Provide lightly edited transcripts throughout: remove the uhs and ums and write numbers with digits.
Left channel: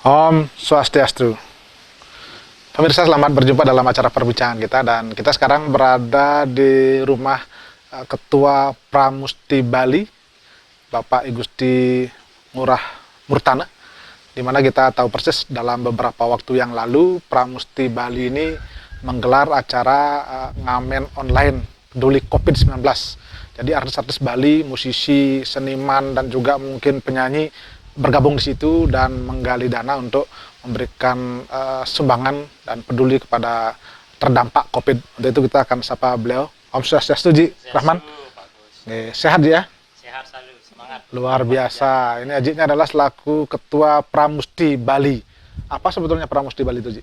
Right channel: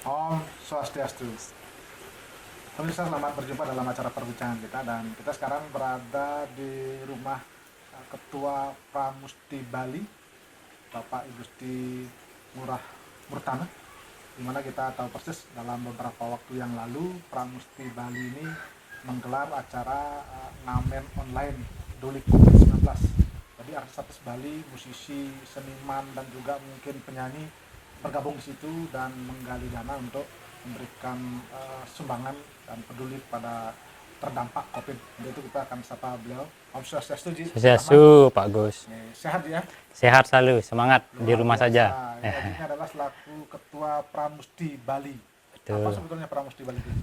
Om Swastiastu. Pemirsa, selamat berjumpa dalam acara perbincangan kita, dan kita sekarang berada di rumah Ketua Pramusti Bali, Bapak Igusti Ngurah Murtana, di mana kita tahu persis dalam beberapa waktu yang lalu Pramusti Bali ini menggelar acara ngamen online peduli COVID-19. Jadi artis-artis Bali, musisi, seniman, dan juga mungkin penyanyi bergabung di situ dan menggali dana untuk memberikan sumbangan dan peduli kepada terdampak COVID. Untuk itu kita akan sapa beliau. Om Swastiastu, Ji. Swastiastu, Pak Gus. Sehat ya? Sehat selalu, semangat. Luar biasa. Saja. Ini Ajinya adalah selaku Ketua Pramusti Bali. Betul. Apa sebetulnya Pramusti Bali itu, Ji?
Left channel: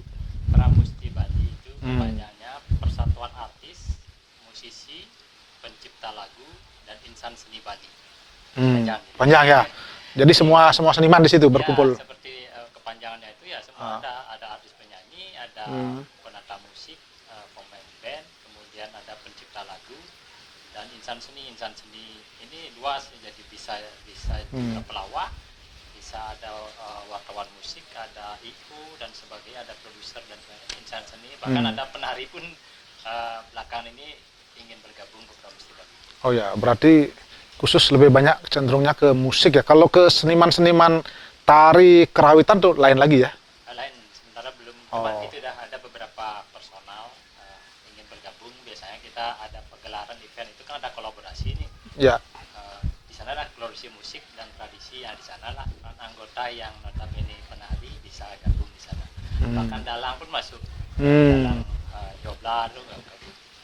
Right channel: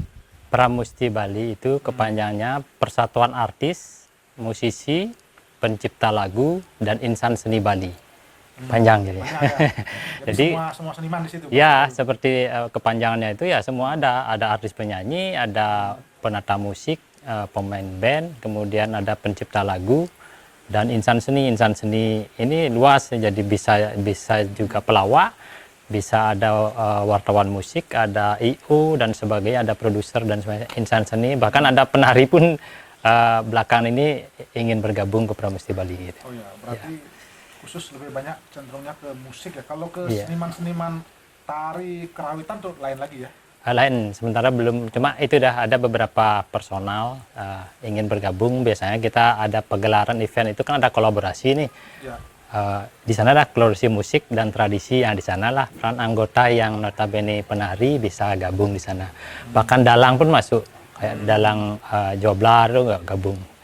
Pramusti Bali itu kepanjangannya Persatuan Artis, Musisi, Pencipta Lagu, dan Insan Seni Bali. Panjang jadi. Panjang ya. Jadi semua seniman di situ berkumpul. Ya, seperti kepanjangannya itu ya semua ada artis penyanyi, ada penata musik, pemain band, kemudian ada pencipta lagu dan insan seni. Insan seni ini luas, jadi bisa juga pelawak, bisa ada wartawan musik, ada IO dan sebagainya, ada produser dan sebagainya. Insan seni, bahkan ada penari pun belakangan ini ingin bergabung ke Pramusti Bali. Gitu. Oh ya, berarti khusus lebih banyak cenderungnya ke musik ya. Kalau ke seniman-seniman tari kerawitan tuh lain lagi ya? Lain, sementara belum. Cuma itu dah ada beberapa personal ingin bergabung. Biasanya kita ada pegelaran event itu kan ada kolaborasi nih. Ya. Di sana lah kolaborasi musik dan tradisi. Yang di sana lah peran anggota yang notabene penari bisa gabung di sana. Bahkan dalang pun masuk. Dalang joblar tuh gabung.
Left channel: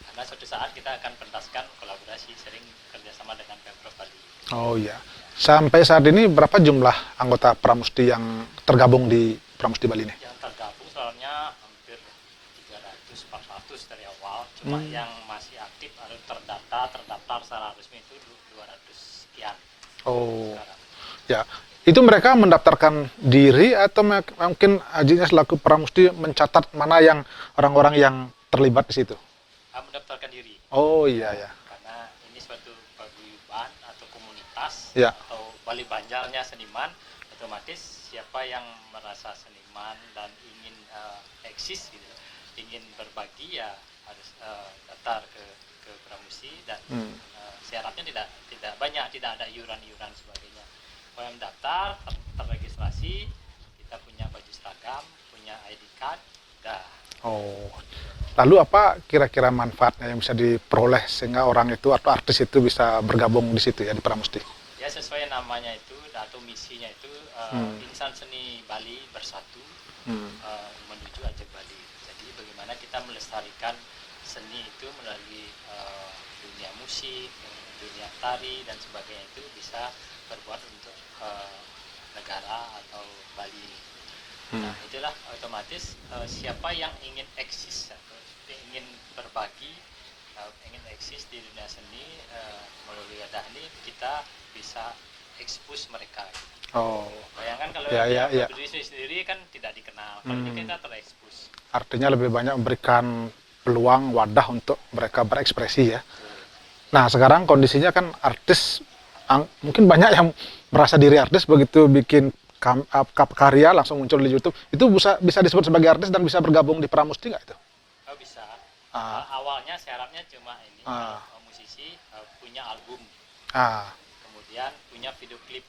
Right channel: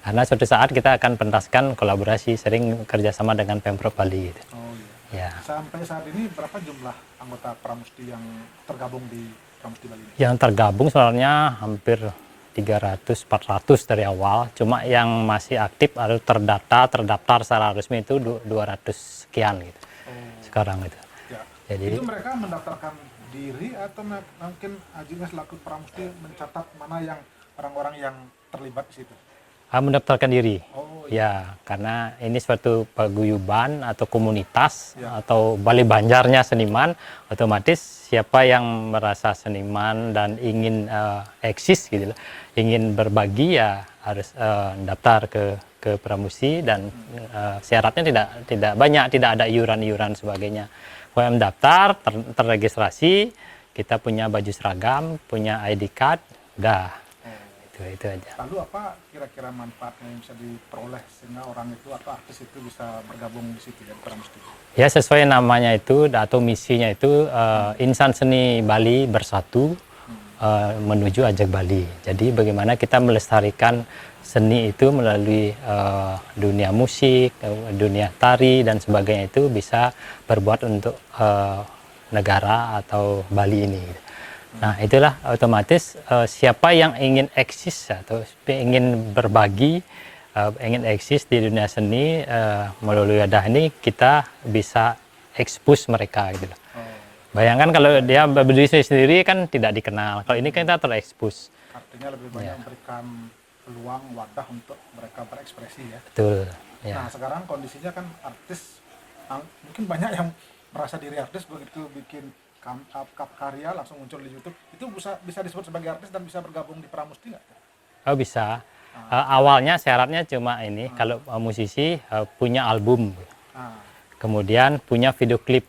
Karena suatu saat kita akan pentaskan kolaborasi, sering kerjasama dengan Pemprov Bali. Oh iya. Ya. Sampai saat ini berapa jumlah anggota Pramusti yang tergabung di Pramusti Bali ini? Yang tergabung sebenarnya hampir 300-400 dari awal. Cuma yang masih aktif atau terdaftar secara resmi itu 200 sekian gitu. Oh. Sekarang itu. Ya. Jadi, itu mereka mendaftarkan diri atau mungkin Ajinya selaku Pramusti mencatat mana yang orang-orang yang terlibat di situ? Mendaftarkan diri. Oh iya. Ya, karena ini suatu paguyuban atau komunitas atau Bali Banjarnya seniman, otomatis siapa yang merasa seniman dan ingin eksis gitu, ingin berbagi ya harus daftar ke Pramusti dan syaratnya tidak banyak, tidak ada iuran-iuran sebagainya. Kalau mendaftar, terregistrasi, kita punya baju seragam, punya ID card, udah. Oh, itu aja. Lalu apa kira-kira manfaatnya yang bisa diperoleh sehingga orang itu atau artis itu bisa bergabung di situ ya di Pramusti? Ya sesuai namanya itu atau misinya itu Insan Seni Bali Bersatu menuju Ajak Bali. Jadi bagaimana kita melestarikan seni itu melalui dunia musik, dunia tari dan sebagainya itu bisa berbuat untuk negara atau Bali ini. Nah itulah otomatis siapa yang ingin eksis atau ingin berbagi, ingin eksis di dunia seni melalui wadah ini kita bisa expose mereka gitu. Oh. Bayangkan kalau dia berdiri sendiri kan tidak dikenal. Kalau ini kan kita terekspos. Artinya lebih banyak memberikan peluang wadah untuk mereka berekspresi ya. Betul. Ya. Nah sekarang kondisinya kan artis mungkin banyak yang merasa diri artis begitu bikin karya langsung muncul di YouTube, itu bisa disebut sebagai artis dan bisa bergabung di Pramusti nggak itu? Oh bisa. Awalnya syaratnya cuma ini, kalau musisi punya album, kemudian punya video klip,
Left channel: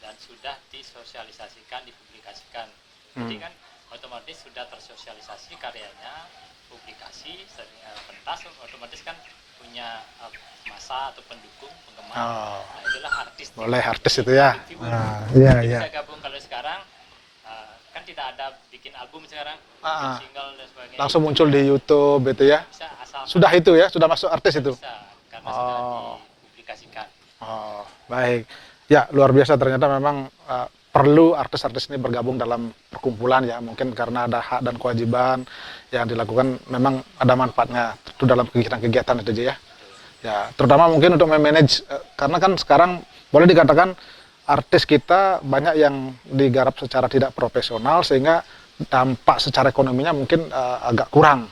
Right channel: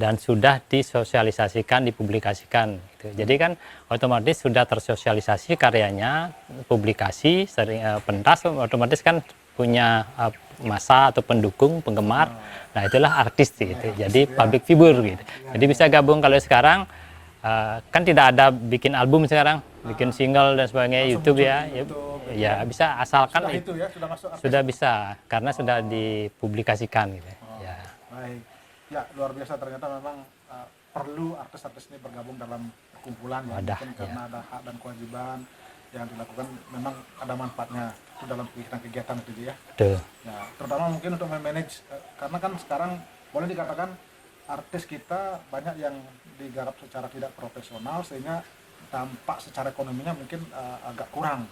dan sudah disosialisasikan, dipublikasikan. Gitu. Jadi kan otomatis sudah tersosialisasi karyanya, publikasi, sering pentas, otomatis kan punya masa atau pendukung, penggemar. Nah itulah artis, gitu. Jadi public figure gitu. Jadi bisa gabung. Kalau sekarang kan tidak ada bikin album sekarang, bikin single dan sebagainya. Langsung muncul di YouTube itu ya. Bisa asalkan sudah itu ya, sudah masuk artis sudah itu. Bisa karena sudah dipublikasikan. Gitu. Baik, ya luar biasa ternyata memang perlu artis-artis ini bergabung dalam perkumpulan ya. Mungkin karena ada hak dan kewajiban yang dilakukan, memang ada manfaatnya itu dalam kegiatan-kegiatan itu aja ya. Ya, terutama mungkin untuk memanage, karena kan sekarang boleh dikatakan artis kita banyak yang digarap secara tidak profesional sehingga dampak secara ekonominya mungkin agak kurang.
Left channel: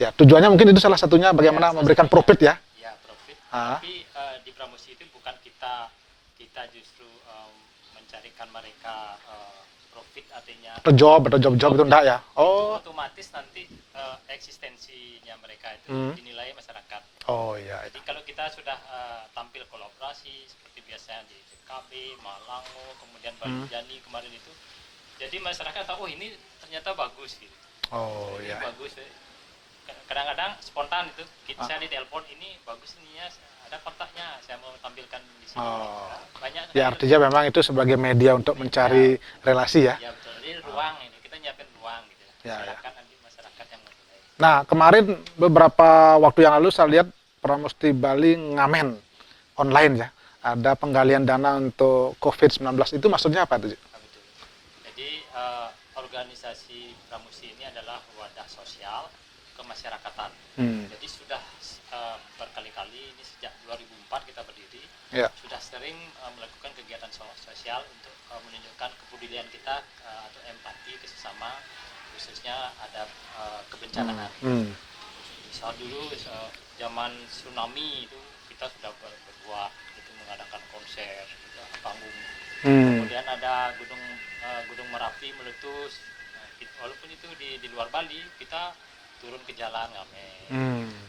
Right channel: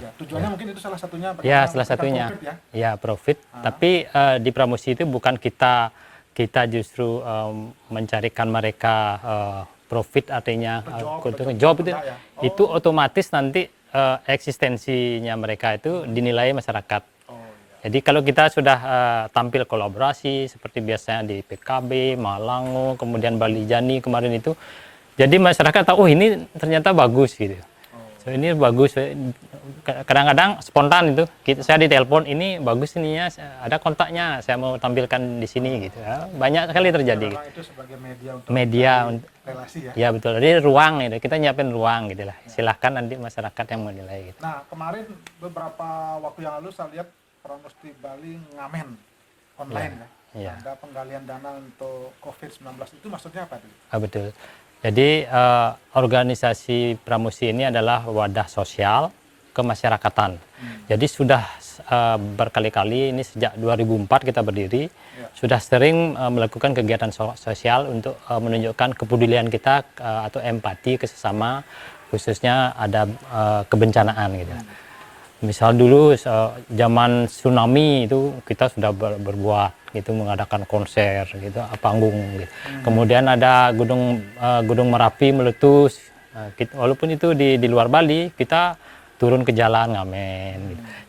Ya, tujuannya mungkin itu salah satunya bagaimana memberikan profit ya. Ya, profit. Tapi di Pramusti itu bukan kita justru mencarikan mereka profit artinya Job itu enggak ya? itu otomatis nanti eksistensinya mereka itu dinilai masyarakat. Oh iya. Jadi kalau kita sudah tampil kolaborasi seperti biasanya di PKB, Malango, kemudian Bali Jani kemarin itu, jadi masyarakat tahu, oh ini ternyata bagus gitu. So, ini bagus. Kadang-kadang spontan itu, saya ditelepon, ini bagus ininya, ada kontaknya, saya mau tampilkan di sini gitu. Banyak sekali terjadi. Memang itu sebagai media untuk mencari relasi ya. Ya betul. Jadi ruang gitu, kita nyiapin ruang gitu lah. Silahkan nanti masyarakat yang menilai. Gitu. Nah kemarin beberapa waktu yang lalu saya lihat Pramusti Bali ngamen online ya. Ada penggalian dana untuk COVID-19, itu maksudnya apa itu? Betul. Jadi organisasi Pramusti ini adalah wadah sosial kemasyarakatan. Jadi sudah berkali-kali, ini sejak 2004 kita berdiri, sudah sering melakukan kegiatan sosial untuk menunjukkan kepedulian kita atau empati ke sesama, khususnya ada kebencanaan gitu. Misal dulu zaman tsunami itu kita sudah berbuat gitu, mengadakan konser gitu, panggung gitu. Kemudian ada gunung Merapi meletus. Walaupun itu di luar Bali, kita turun ke jalan ngamen.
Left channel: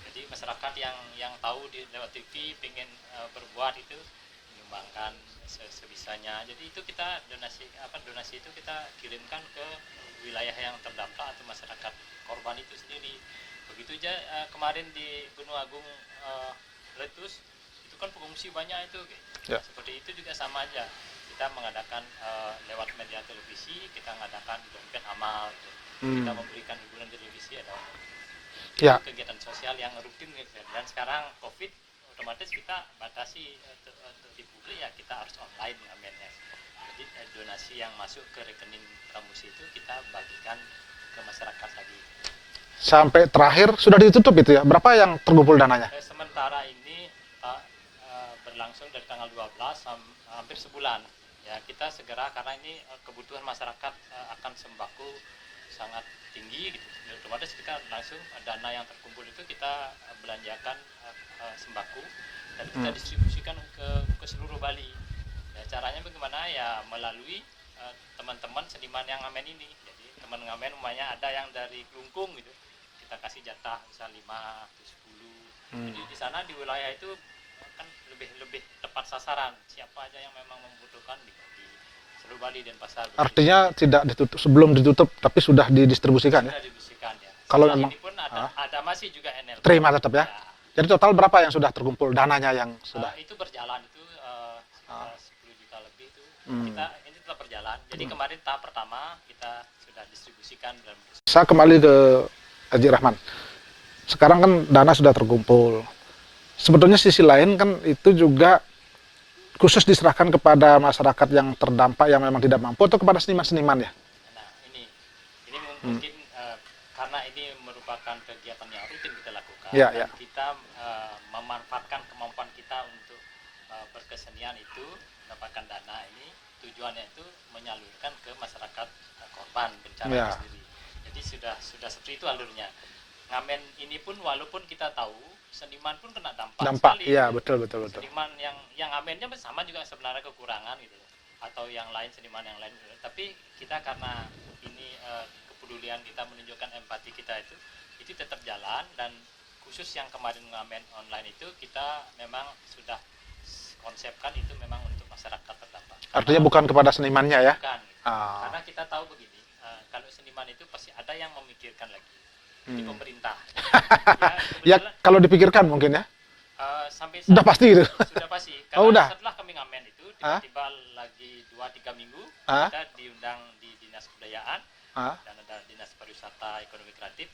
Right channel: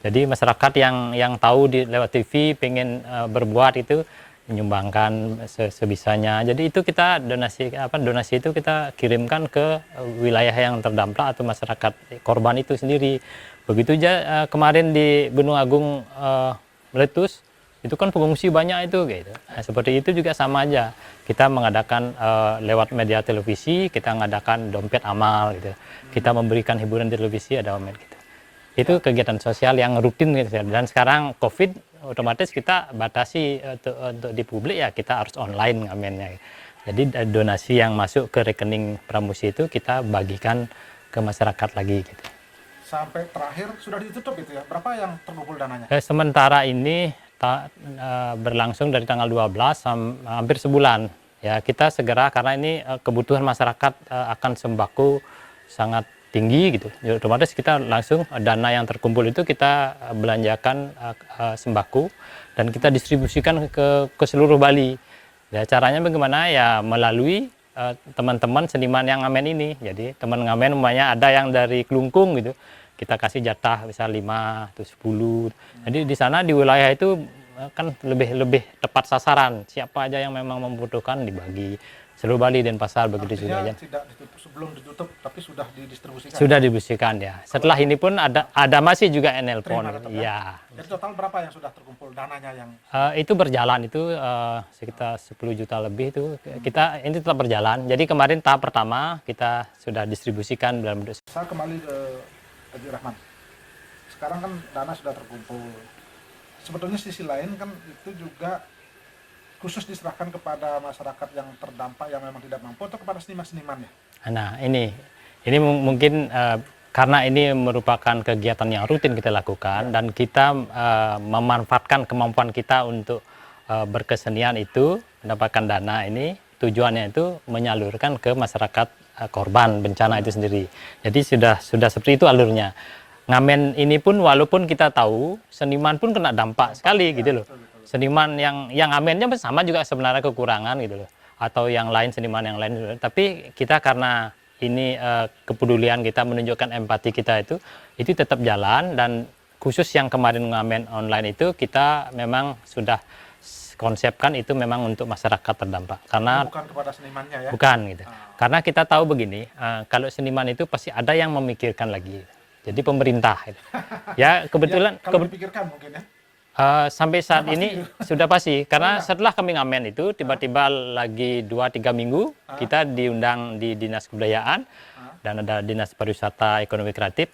Jadi masyarakat yang tahu lewat TV pengen berbuat itu menyumbangkan sebisanya. Jadi itu kita donasi itu kita kirimkan ke wilayah yang terdampak atau masyarakat korban itu sendiri. Begitu aja kemarin di Gunung Agung meletus, itu kan pengungsi banyak itu gitu. Nah, seperti itu juga sama aja. Kita mengadakan lewat media televisi, kita mengadakan dompet amal gitu. Kita memberikan hiburan di televisi, ada dompet gitu. Itu kegiatan sosial yang rutin gitu. Dan sekarang Covid otomatis kita batasi untuk di publik ya, kita harus online ngamennya. Jadi donasi yang masuk ke rekening Pramusti itu kita bagikan ke masyarakat lagi gitu. Sampai terakhir sudah ditutup itu ya? Berapa yang terkumpul dananya? Sementara ini berlangsung dari tanggal 12 hampir sebulan. Ya, kita segera karena ini kebutuhan masyarakat akan sembako sangat tinggi gitu. Jadi, otomatis kita langsung dana yang terkumpul itu kita belanjakan sembako dan kita distribusikan ke seluruh Bali. Ya, caranya bagaimana? Ya melalui teman-teman seniman yang ngamen ini. Jadi teman ngamen umpamanya ada yang dari Kelungkung gitu, kita kasih jatah misal 5 atau 10. Jadi di sana di wilayah itu kan lebih tepat sasaran. Siapa aja yang memang membutuhkan dibagi seluruh Bali dan pasar. Artinya tidak ditutup, sebelum ditutup tapi sudah didistribusikan. Sudah didistribusikan ya. Setelah ini pun ada masih juga NL. Terima tetap ya. Jadi total berapa yang sudah terkumpul dananya yang itu berjalan itu sekitar 10 juta lebih itu. Kita ini tetap berjalan. Jadi kemarin tahap pertama kita sudah distribusikan dalam bentuk. Saya kembali ke Haji Rahman. Sekarang kan dana sudah terkumpul. Sebetulnya sisi lain kan itu juga khusus diserahkan kepada masyarakat yang terdampak yang memang tidak mampu atau kepada seniman-seniman ya? Nah ini mungkin karena ini merupakan kegiatan yang rutin kita lakukan dan kita memanfaatkan kemampuan kita untuk berkesenian itu, mendapatkan dana ini, tujuannya itu menyalurkan ke masyarakat korban bencana itu sendiri. Jadi sudah seperti itu alurnya. Ngamen ini pun walaupun kita tahu seniman pun kena dampak sekali gitu loh. Betul. Seniman yang ngamennya sama juga sebenarnya kekurangan gitu loh. Atau yang lain, seniman yang lain. Tapi kita karena ini kepedulian kita, menunjukkan empati kita itu tetap jalan. Dan khusus yang kemarin ngamen online itu kita memang sudah konsepkan itu memang untuk masyarakat terdampak. Karena bukan kepada senimannya ya? Bukan gitu. Karena kita tahu begini, kalau seniman itu pasti ada yang memikirkan lagi. Jadi pemerintah. Ya kebetulan. Ya, kalau dipikirkan mungkin ya? Sampai saat pasti ini itu. Sudah pasti. Karena setelah kami ngamen itu tiba-tiba lagi 2-3 minggu kita diundang di Dinas Kebudayaan dan ada Dinas Pariwisata Ekonomi Kreatif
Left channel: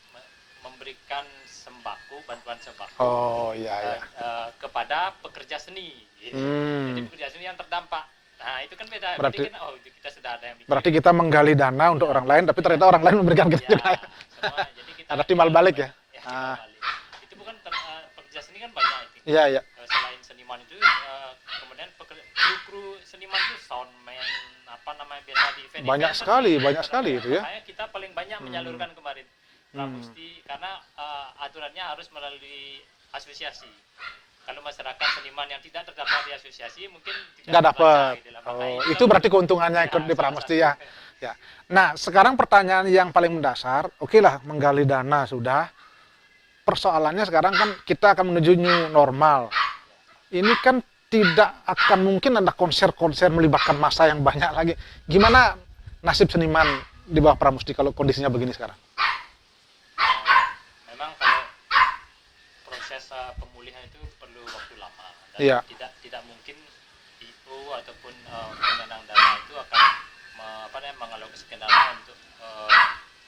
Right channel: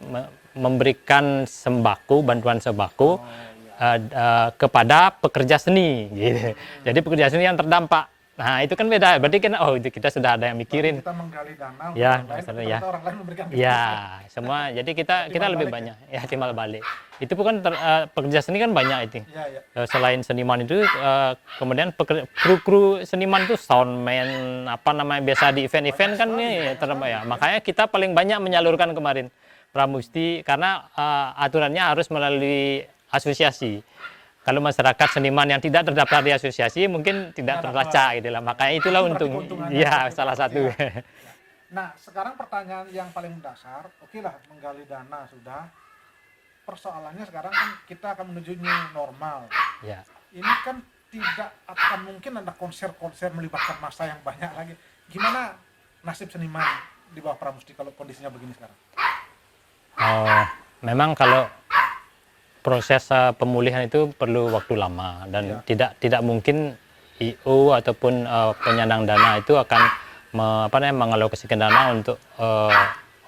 memberikan sembako, bantuan sembako kepada pekerja seni. Gitu. Jadi pekerja seni yang terdampak. Nah itu kan beda. Berarti kan itu kita sudah ada yang mikirin. Berarti kita menggali dana untuk orang lain, tapi ternyata orang lain memberikan ke kita. Semua. Jadi kita timbal balik banyak. Ya timbal balik. Itu bukan pekerja seni kan banyak itu. Iya. Selain seniman itu, kemudian kru seniman itu soundman, apa namanya biasa di event-event kan sekali, ya. Makanya kita paling banyak menyalurkan kemarin Pramusti karena aturannya harus melalui asosiasi. kalau masyarakat seniman yang tidak terdaftar di asosiasi mungkin tidak Nggak terbaca dapet. gitu lah. Makanya itulah Itu berarti untuk- keuntungannya ya, seperti Pak salah Musti satu. ya. Ya. Nah, sekarang pertanyaan yang paling mendasar, oke lah menggali dana sudah. Persoalannya sekarang kan kita akan menuju new normal. Ya. Ini kan tidak akan mungkin ada konser-konser melibatkan massa yang banyak lagi. Gimana nasib seniman di bawah Pramusti kalau kondisinya begini sekarang? Memang kalau proses pemulihan itu perlu waktu lama dan Iya. tidak mungkin IO ataupun penyandang dana itu akan mengalokasikan dana untuk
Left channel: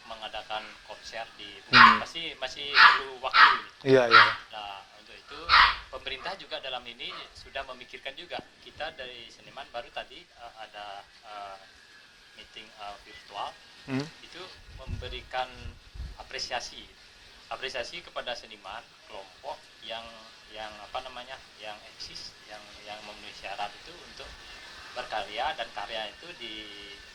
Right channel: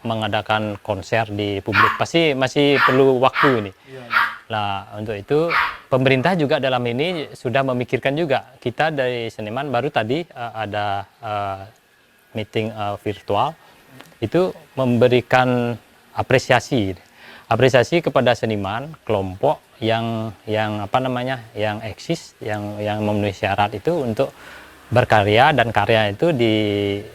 mengadakan konser di publik. Pasti masih perlu waktu ini. Iya, iya. Nah, untuk itu pemerintah juga dalam ini sudah memikirkan juga. Kita dari seniman baru tadi ada meeting virtual, itu memberikan apresiasi kepada seniman kelompok yang eksis, yang memenuhi syarat itu untuk berkarya, dan karya itu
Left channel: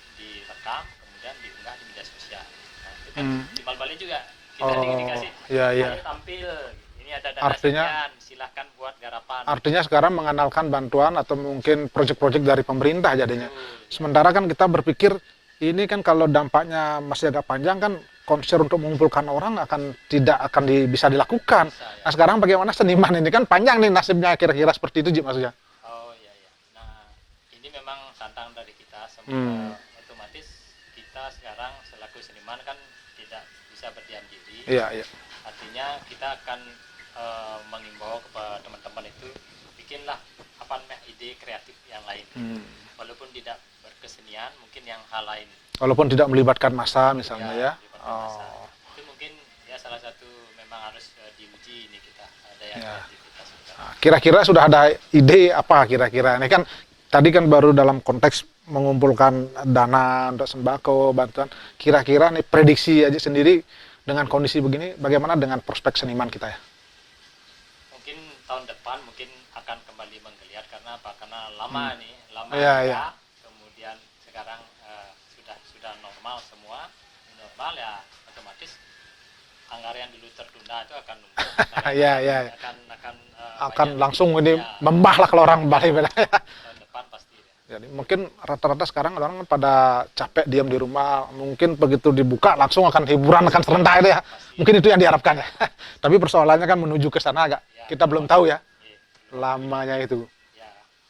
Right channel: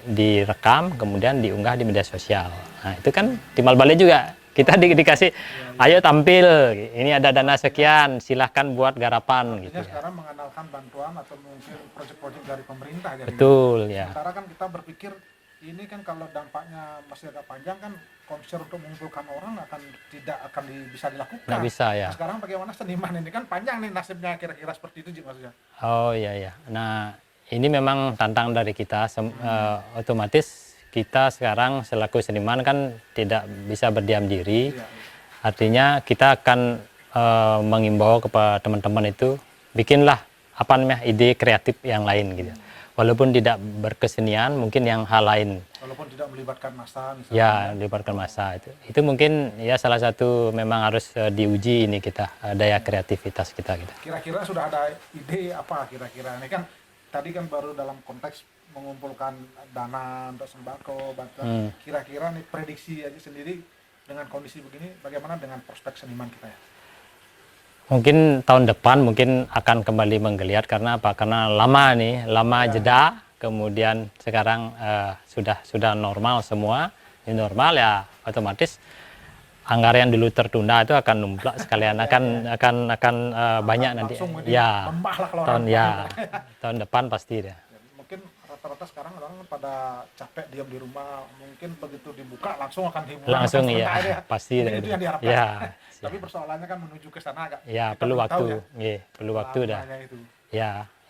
direkam kemudian diunggah di media sosial. Nah, itu kan timbal balik juga. Kita dikasih, iya, iya. ayo tampil, ini ada dana Artinya- sekian, silahkan buat garapan. Artinya gitu. sekarang mengandalkan bantuan atau mungkin proyek-proyek dari pemerintah jadinya. Betul, ya. Sementara kan kita berpikir ini kan kalau dampaknya masih agak panjang kan konser untuk mengumpulkan orang tidak akan bisa dilakukan. Nggak bisa, ya. Nah, sekarang bagaimana seniman ini kan panjang nih nasibnya kira-kira seperti itu Ji, maksudnya. Oh iya ya. Nah, ini memang tantangan dari kita. Otomatis kita sekarang selaku seniman kan tidak bisa berdiam diri. Iya, iya. Artinya kita akan mengimbau kepada teman-teman itu bikinlah ide kreatif yang lain gitu. Walaupun tidak berkesenian, mungkin yang hal lain. Walaupun tidak melibatkan massa misalnya ya. Ya, melibatkan massa itu. Itu mungkin ya salah satu memang harus diuji ini kita daya kreativitas kita. Gitu. Kira-kira sudah ada ide apa kira-kira? Ini kan tadi kan baru dalam konteks mengumpulkan dana untuk sembako, bantuan. Kira-kira nih prediksi aja sendiri dengan kondisi begini, bagaimana dengan prospek seniman kita ya? Mungkin tahun depan mungkin akan kembali menggeliat karena apa? Karena lama Ya, jeda. Kemudian sekarang sudah normal semua. Ini normal ya, otomatis anggaran yang dulu tertunda itu akan numplak sekalian, Ya, akan ya. akan banyak Akan langsung nanti. ini Ya. membah lah kalau orang Ya, Bali bilang. tahun depan pasti deh. Jadi mungkin rata-rata sekarang orang pada capek diam di rumah, mungkin begitu dibuka langsung akan hiburan, Langsung, akan serentak ya. ya. Pasti. Mungkin itu yang diharapkan. Ya. Tapi persoalannya kan menuju ke sana agak Ya, kita perlu belum tahu waktu. ya. Iya, perlu waktu dah. Lamanya itu.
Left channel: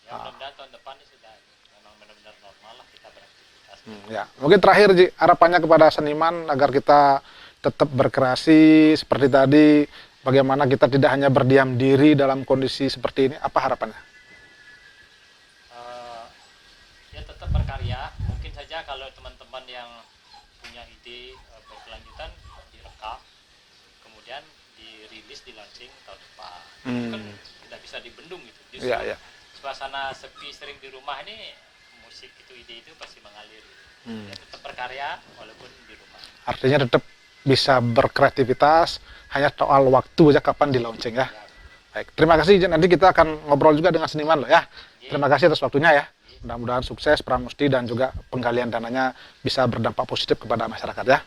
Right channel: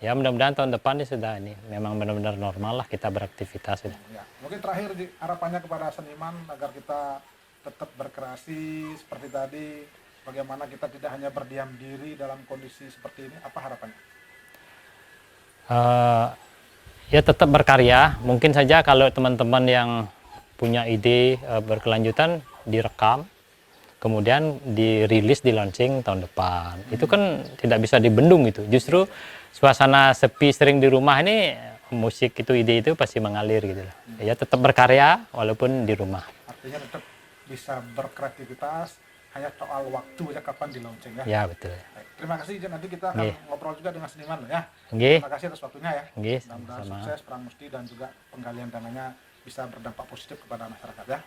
Ya mudah-mudahan tahun depan ini sudah ini memang benar-benar normal lah kita beraktivitas itu. Ya, mungkin terakhir Ji, harapannya kepada seniman agar kita tetap berkreasi seperti tadi, bagaimana kita tidak hanya berdiam diri dalam kondisi seperti ini, apa harapannya? Ya tetap berkarya. Mungkin saja kalau teman-teman yang punya ide berkelanjutan direkam, kemudian dirilis, di launching tahun depan. Itu kan tidak bisa dibendung gitu. Justru Ya, ya. suasana sepi sering di rumah ini, musik itu, ide itu pasti mengalir gitu. Ya tetap berkarya walaupun di rumah. Artinya tetap bisa berkreativitas, hanya soal waktu aja kapan di launching ya. Ya betul. Baik, terima kasih Ji. Nanti kita akan ngobrol juga dengan seniman loh ya. Oke. Terima kasih atas waktunya ya. Oke, Mudah-mudahan sukses Pramusti dan juga penggalian dananya bisa berdampak positif kepada masyarakat ya.